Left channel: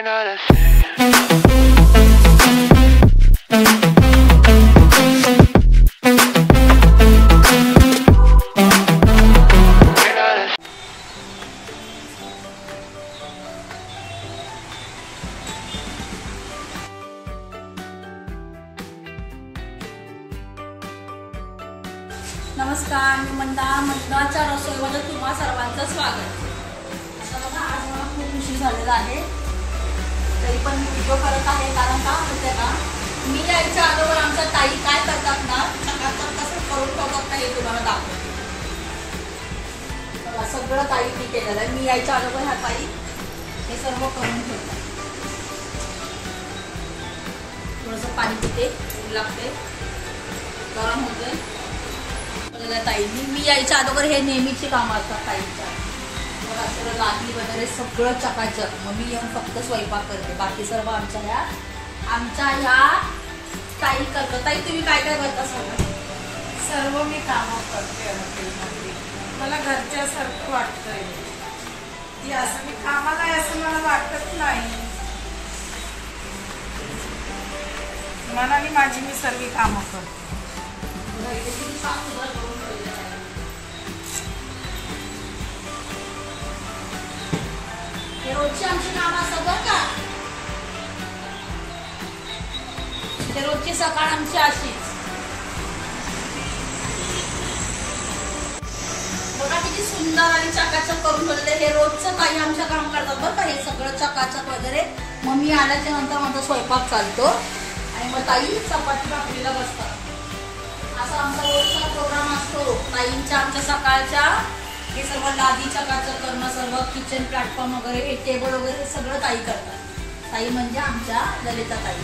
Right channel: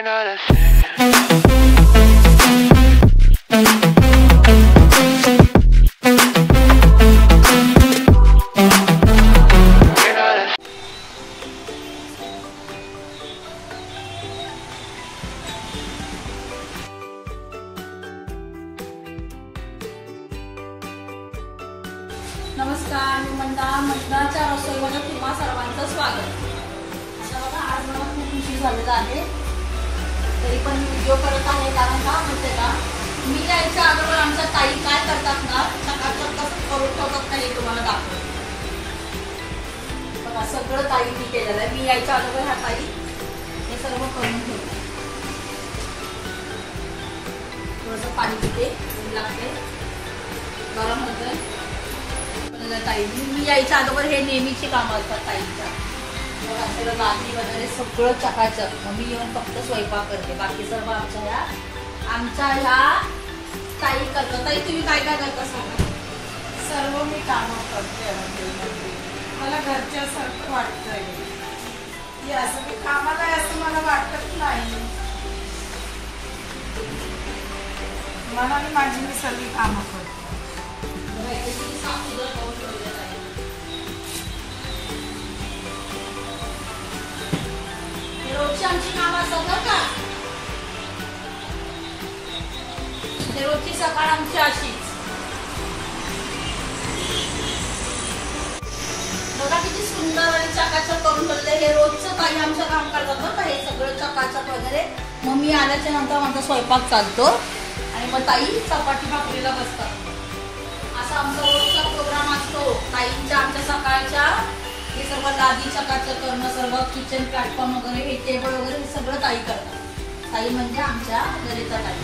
We're not a thing. नमस्कार, मी मंडळाच्या रसोईमध्ये तुम्हा सर्वांचं स्वागत. आज मला खूप उशीर झालेला आहे, तरी पण व्हिडिओ करत आहे. कारण का माहिती का, मी यायच्या अगोदर आमच्या ताई काय करतात ना, चकाचक कसं करून ठेवतात ना, हे तुम्हाला दाखवते. बघा, सगळं ताई मी केलेलं आहे. मी यायच्या अगोदर ह्या ताई हे सर्व करून ठेवतात. थोडंसं पाणी पिते, ऊन लागते, गरम होते. ताईंनी मी यायच्या अगोदर हे नेहमीचे काम असतात ताईंच्या. आपल्याला लादी वगैरे सगळं चकाचक. मग मी येऊन फक्त स्वयंपाक करते, बाकी सर्व आमच्या ह्या ताई करतात. ताई तुम्ही काय काय करता? सर्व मी कामं करते. मला घरच्यासारखं वाटतंय की असं मी कामाला आहे असं मला वाटत नाही. मनाने माझी मी सर्व कामं करते. रोजची आमची कामं असतात बरं का. रोजची सकाळ आमची अशीच. बघा किती सुंदर आणि चकाचक करून ठेवले. हे रोजचं काही आमचं काम करतात बरं का. हे सगळं चकाचक वगैरे. मग मी आल्याच्या नंतर माझा स्वयंपाक चालतो आणि मग ताई चपाती भाकरीला बसतात. असा आमचा रोजचा प्रोग्राम असतो ताईंच्या. आमच्या सकाळच्या हे सर्व लादी चकाचक करणं, सर्व किचन प्लॅटफॉर्म वगैरे, हे टेबल वगैरे, हे सगळं ताई करतात. ताई म्हणजे आमच्या ललिता ताई.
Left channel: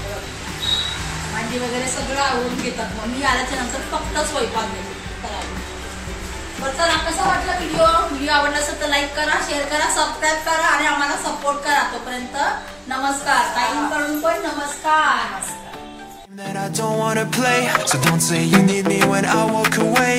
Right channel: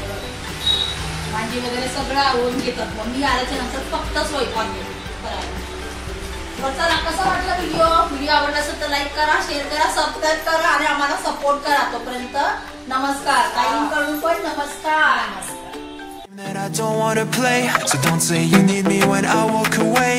भांडी वगैरे सगळं आवडून घेतात. मग मी आल्याच्या नंतर फक्त स्वयंपाक घेते करायला. चला, कसा वाटला व्हिडिओ आवडला असेल तर लाईक करा, शेअर करा, सबस्क्राईब करा आणि आम्हाला सपोर्ट करा. तोपर्यंत नमस्कार. ताईंकडून पण नमस्कार. That I don't wanna play, so don't say you need me when I walk away.